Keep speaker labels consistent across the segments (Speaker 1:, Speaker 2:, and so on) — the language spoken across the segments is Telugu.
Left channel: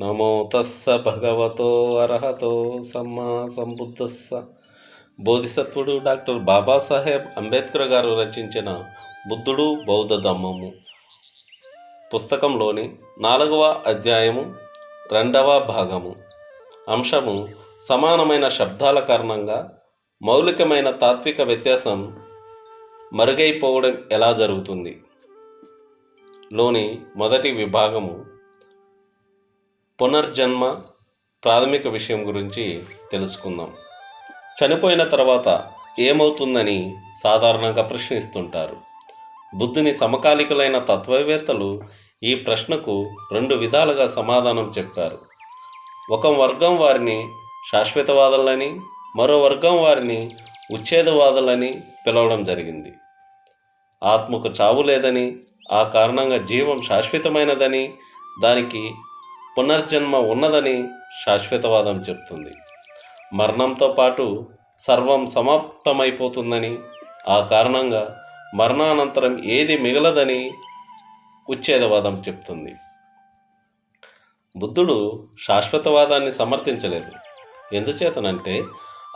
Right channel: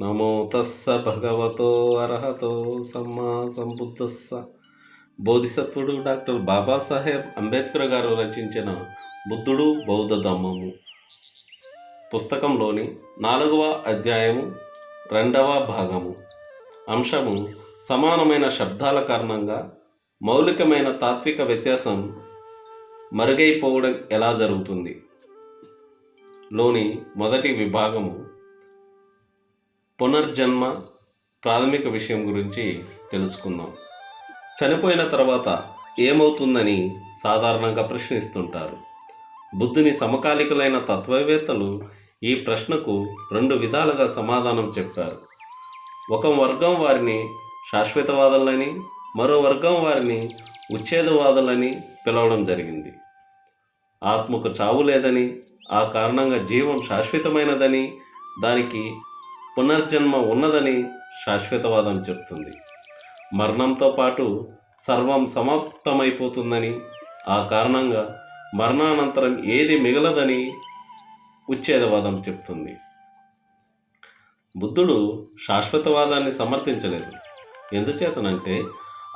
Speaker 1: నమో తస్స భగవతో అర్హతో సమ్మా సంబుద్ధస్స. బోధిసత్వుడు డాక్టర్ బాబాసాహెబ్ అంబేద్కర్ గారు రచించిన బుద్ధుడు బౌద్ధ ధమ్మము. పుస్తకంలోని నాలుగవ అధ్యాయము రెండవ భాగము. అంశము సమానమైన శబ్దాల కారణంగా మౌలికమైన తాత్విక వ్యత్యాసం మరుగైపోవడం ఎలా జరుగుతుంది? లోని మొదటి విభాగము పునర్జన్మ ప్రాథమిక విషయం గురించి తెలుసుకుందాం. చనిపోయిన తర్వాత ఏమవుతుందని సాధారణంగా ప్రశ్నిస్తుంటారు. బుద్ధుని సమకాలికులైన తత్వవేత్తలు ఈ ప్రశ్నకు రెండు విధాలుగా సమాధానం చెప్పారు. ఒక వర్గం వారిని శాశ్వతవాదులని మరో వర్గం వారిని ఉచ్ఛేదవాదులని పిలవడం జరిగింది. ఆత్మకు చావు లేదని ఆ కారణంగా జీవం శాశ్వతమైనదని దానికి పునర్జన్మ ఉన్నదని శాశ్వతవాదం చెప్తుంది. మరణంతో పాటు సర్వం సమాప్తమైపోతుందని ఆ కారణంగా మరణానంతరం ఏది మిగలదని ఉచ్ఛేదవాదం చెప్తుంది. బుద్ధుడు శాశ్వతవాదాన్ని సమర్థించలేదు. ఎందుచేతనంటే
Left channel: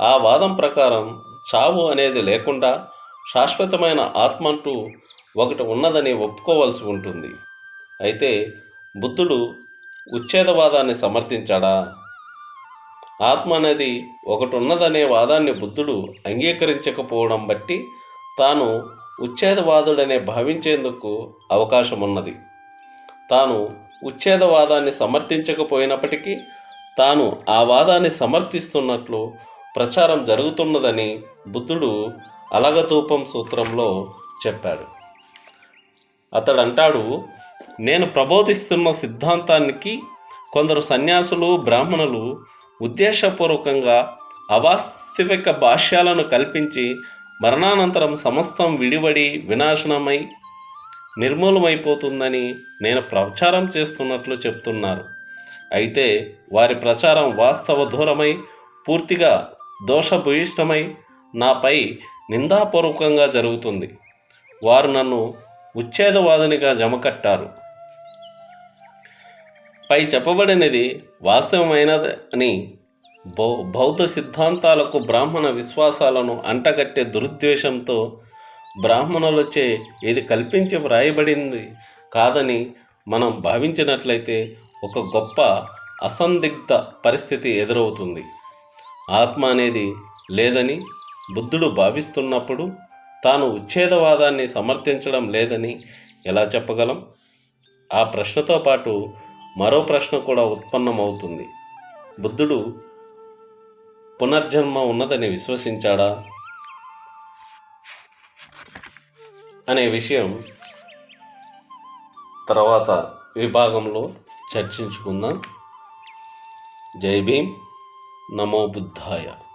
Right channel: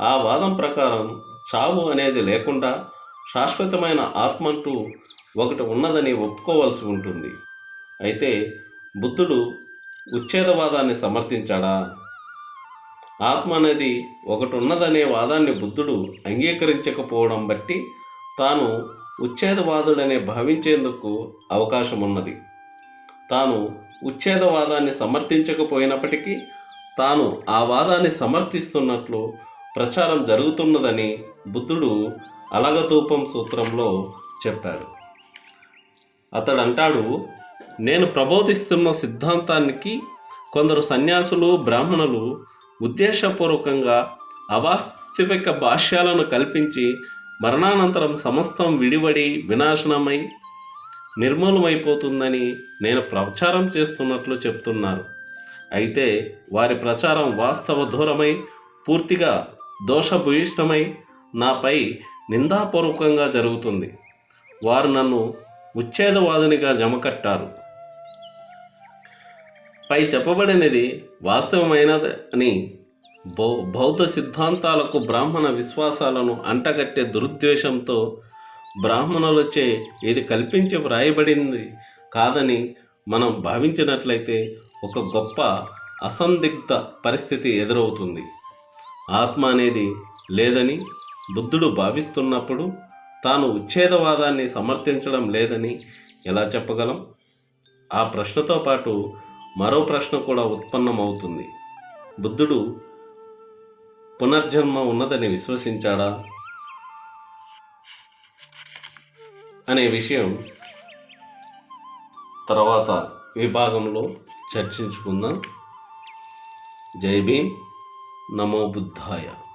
Speaker 1: ఆ వాదం ప్రకారం చావు అనేది లేకుండా శాశ్వతమైన ఆత్మ అంటూ ఒకటి ఉన్నదని ఒప్పుకోవలసి ఉంటుంది. అయితే బుద్ధుడు ఉచ్ఛేదవాదాన్ని సమర్థించాడా? ఆత్మ అనేది ఒకటి ఉన్నదనే వాదాన్ని బుద్ధుడు అంగీకరించకపోవడం బట్టి తాను ఉచ్ఛేదవాదుడనే భావించేందుకు అవకాశం ఉన్నది తాను ఉచ్ఛేదవాదాన్ని సమర్థించకపోయినప్పటికీ తాను ఆ వాదాన్ని సమర్థిస్తున్నట్లు ప్రచారం జరుగుతున్నదని బుద్ధుడు అలగతూపం సూత్రంలో చెప్పాడు. అతడంటాడు నేను ప్రబోధిస్తున్న సిద్ధాంతానికి కొందరు సన్యాసులు బ్రాహ్మణులు ఉద్దేశపూర్వకంగా అవాస్తవిక భాష్యాలను కల్పించి మరణానంతరం సమస్తం విడివడి వినాశనమై నిర్మూలమైపోతుందని నేను ప్రచారం చేస్తున్నట్లు చెప్తున్నారు. అయితే వారి ప్రచారం వాస్తవ దూరమై పూర్తిగా దోషభూయిష్టమై నాపై నిందాపూర్వకంగా జరుగుతుంది. వారు నన్ను ఉచ్ఛేదవాదునిగా జమకట్టారు. పై చెప్పబడినది వాస్తవమైనదని బౌ బౌద్ధ సిద్ధాంతాలకు బ్రాహ్మణ విశ్వాసాలను అంటగట్టే దురుద్దేశంతో బ్రాహ్మణులచే ఇది కల్పించి వ్రాయబడింది కాదని మనం భావించినట్లయితే ఒక గొప్ప అసందిగ్ధ పరిస్థితి ఎదురవుతుంది. ఆత్మ అనేది లేదని బుద్ధుడు భావిస్తున్నప్పుడు తాను ఉచ్ఛేదవాదాన్ని సమర్థించడం లేదని ఎలా చెప్పగలం? ఆ ప్రశ్నతో పాటు మరో ప్రశ్న కూడా ఉత్పన్నమవుతుంది. బుద్ధుడు పునర్జన్మ ఉన్నదని విశ్వసించాడా? అనే విషయం తర్వాత విభాగంలో చర్చించుకుందాం. జై భీమ్. నమో బుద్ధాయ.